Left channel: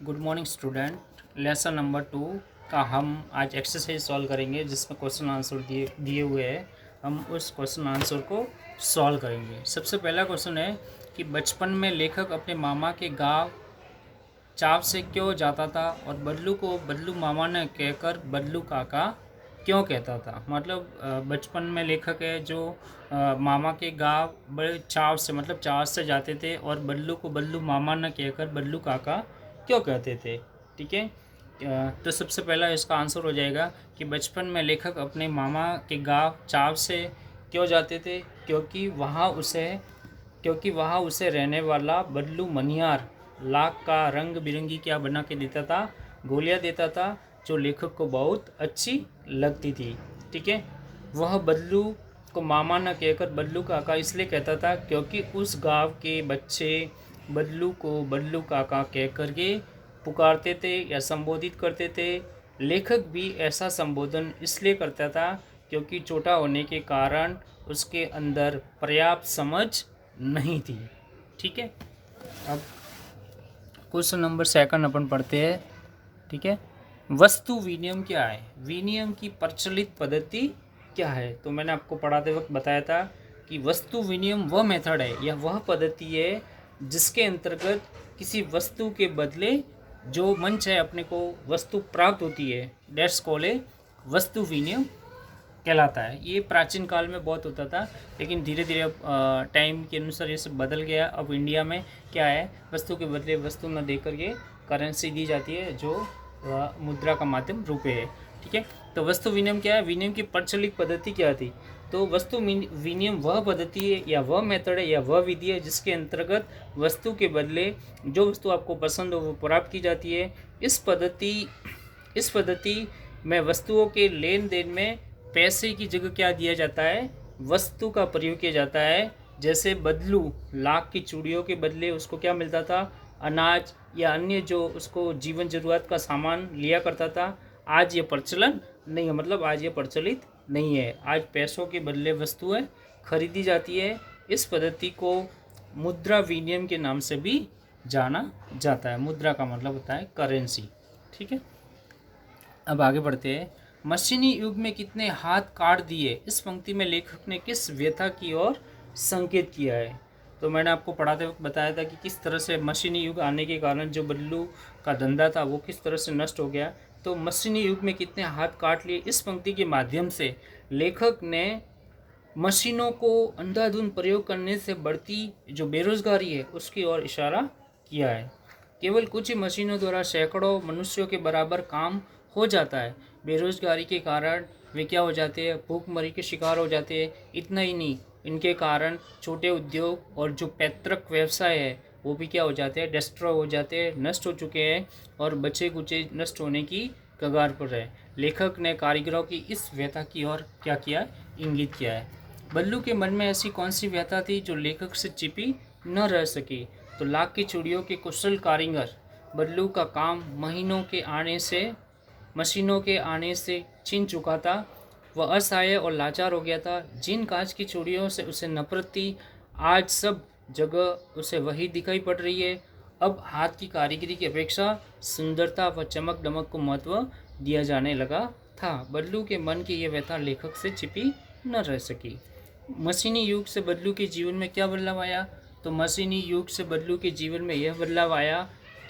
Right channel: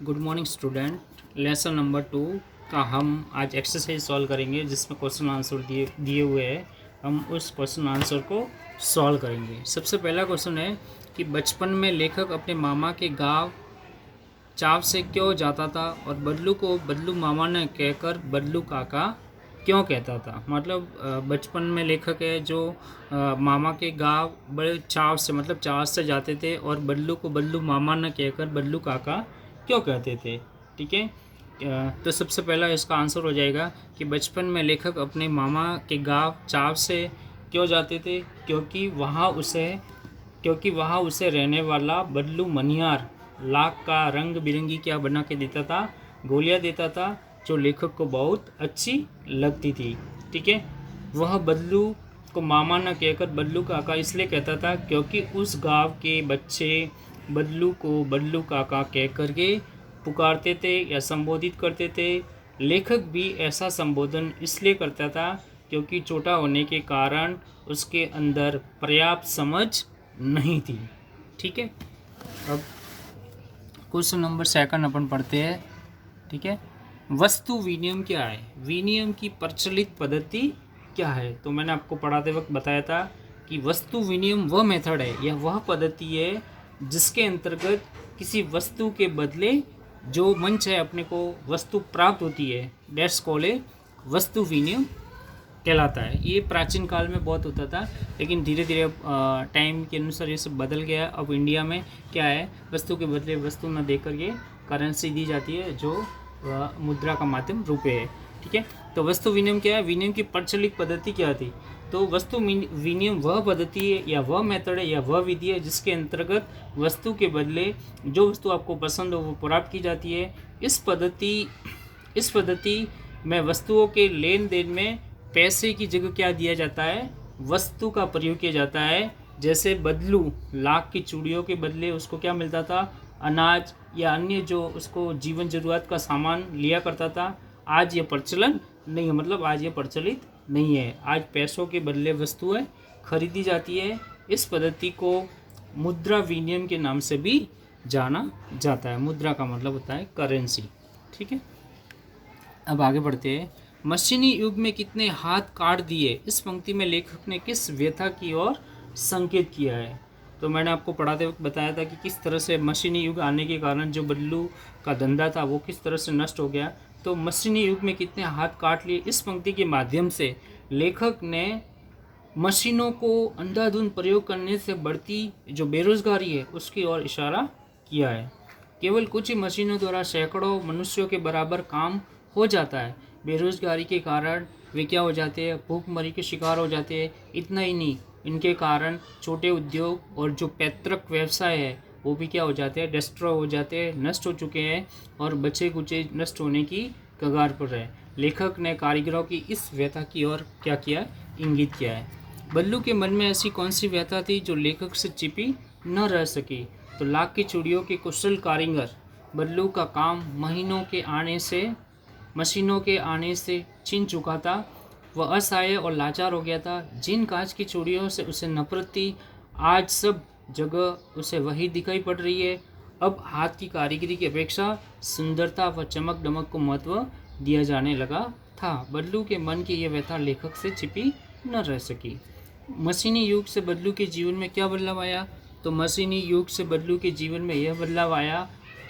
Good morning student. Lesson number 2 का हम आज एक्सरसाइज सॉल्व करेंगे जिसमें क्वेश्चन आंसर दिए हुए हैं। हम उस क्वेश्चन आंसर को सॉल्व करेंगे। सबसे पहला क्वेश्चन है कि बचपन में लेखक अपने मामा के गांव चाव से क्यों जाता था और बदलू को बदलू मामा ने कहकर बदलू काका क्यों कहता था। मतलब बचपन में लेखक है जो मामा के गांव बड़े चाव से मतलब चाव से जाते थे और बदलू को बदलू मामा ने कहकर बदलू काका क्यों कहते थे। ठीक है, तो सबसे पहला इसका आंसर हो जाएगा कि बचपन में लेखक अपने मामा के गांव चाव से क्यों जाते थे क्योंकि वहाँ उसे रहने वाला बदलू मनियार लाख का रंग बिरंगी क्या बना के देता था, गोलियाँ देता था जो लेखक को बहुत अच्छी लगती थी। ठीक है, वह बदलू को मामा न कहकर बदलू काका इसलिए कहता था क्योंकि उस गांव के बच्चे बदलू को बदलू काका कह कर के पुकारते थे या संबोधित करते थे। लेखक भी ऐसा संबोधन इसलिए करता था क्योंकि छोटा होने के कारण उसके अंदर पर्याप्त समझ नहीं थी। ठीक है, अब क्वेश्चन नंबर 2 अपन पढ़ते हैं। ठीक है, वस्तु विनिमय क्या है, विनिमय की प्रचलित पद्धति क्या है। तो मैंने आपको पढ़ाते वक्त बताया था कि वस्तु विनिमय वह मेथड है या वह पद्धति है जिसके अंतर्गत किसी वस्तु के बदले जो मंच है अपने को वस्तु प्राप्त होती है, दैट्स कॉल्ड ए वस्तु विनिमय कहलाता है। ये प्राचीन काल में बहुत होता था लेकिन धीरे धीरे अब टाइम के अनुसार ये सब बदल गया। अब इंडिया में क्या है, वस्तु के बदले वस्तु न देकर के करेंसी दी जाती है जो मुद्रा का माध्यम रुपये है। ठीक है, तो वस्तु विनिमय क्या है, विनिमय की प्रचलित पद्धति क्या थी। तो वस्तु विनिमय वह पद्धति है या वह मेथड है या वह विधि है जिसके अंतर्गत वस्तु के बदले जो वस्तु आपको पसंद हो वो प्राप्त की जाती है। इस पद्धति में वस्तुओं के लेन देन में पैसे की जगह क्या दिया जाता है, वस्तु का प्रयोग किया जाता है। जैसे बदलू लाख की चूड़ियों के बदले उसको क्या मिलता था, अनाज या अन्य जो उसको जीवन जरूरत का सामान लिया करता था। आज ये प्रचलन नहीं है, मतलब आज ये प्रचलित नहीं है। आज पैसों के बदले वस्तुएं खरीदी जाती है। इस पद्धति को मुद्रा विनिमय के नाम से भी जाना जाता है। मुद्रा का मतलब होता है करेंसी। ठीक है, अब आगे बढ़ते हैं। मशीनी युग में कितने हाथ काट दिए, इस पंक्ति में लेखक ने किस व्यथा की ओर संकेत किया है। तो मैंने आपको पढ़ाते वक्त बताया था कि किस तरह से मशीनी युग आने के कारण जो बदलू का धंधा था वो किस तरह से नष्ट हो गया। तो मशीनी युग में कितने हाथ काट लिए, इस पंक्ति के माध्यम से लेखक ने मशीनों को अंधाधुंध प्रयोग करने से बढ़ती जो बेरोजगारी है उसकी ओर इशारा किया है। केवल कुछ ही मशीनों द्वारा सैकड़ों मनुष्यों के बराबर काम हो जाता है। बेरोजगारी के कारण वे क्या हो जाते हैं, भूखमरी के शिकार हो जाते हैं। इतना ही नहीं, इनके कारण छोटे उद्योग और जो पैतृक व्यवसाय है वो भी क्या हो जाते हैं, डिस्ट्रॉय हो जाते हैं, नष्ट हो चुके हैं और बचे कुचे नष्ट होने की कगार पर है। लेखक ने कारीगरों की इस व्यथा की ओर क्या किया, इंगित किया है। बल्लू के मन में ऐसी कौन सी व्यथा थी जो लेखक से छिपी न रह सकी। तो लाख की चूड़ियों के कुशल कारीगर बल्लू का काम मशीनों के आने से छिन चुका था। वह असहाय और लाचार हो गया था। जिन कांच की चूड़ियों से उसे नफरत थी, आज सब जगह उसे वही दिखाई पड़ रही है। अब हाथ की कारीगरी की अपेक्षा सुंदरता व चमक दमक को महत्व दिया जाने लगा था। बल्लू के मन की यह व्यथा लेखक से छिपी न रह सकी। मशीनी युग से बदलू के जीवन में क्या बदलाव आया। तो मशीनी युग से बदलू के जीवन में यह बदलाव आया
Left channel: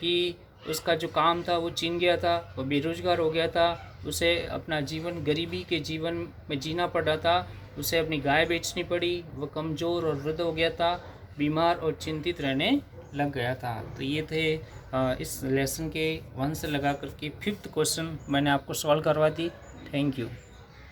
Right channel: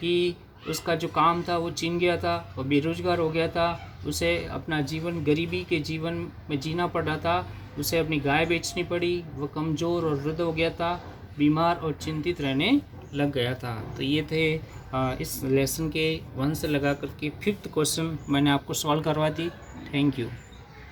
कि उसका जो काम था वो छिन गया था, वो बेरोजगार हो गया था, उसे अपना जीवन गरीबी के जीवन में जीना पड़ा था, उसे अपनी गाय बेचनी पड़ी, वह कमज़ोर और वृद्ध हो गया था, बीमार और चिंतित रहने लग गया था। तो ये थे इस लेसन के 1 से लगा करके 5th क्वेश्चन मैंने आपको सॉल्व करवा दी। Thank you.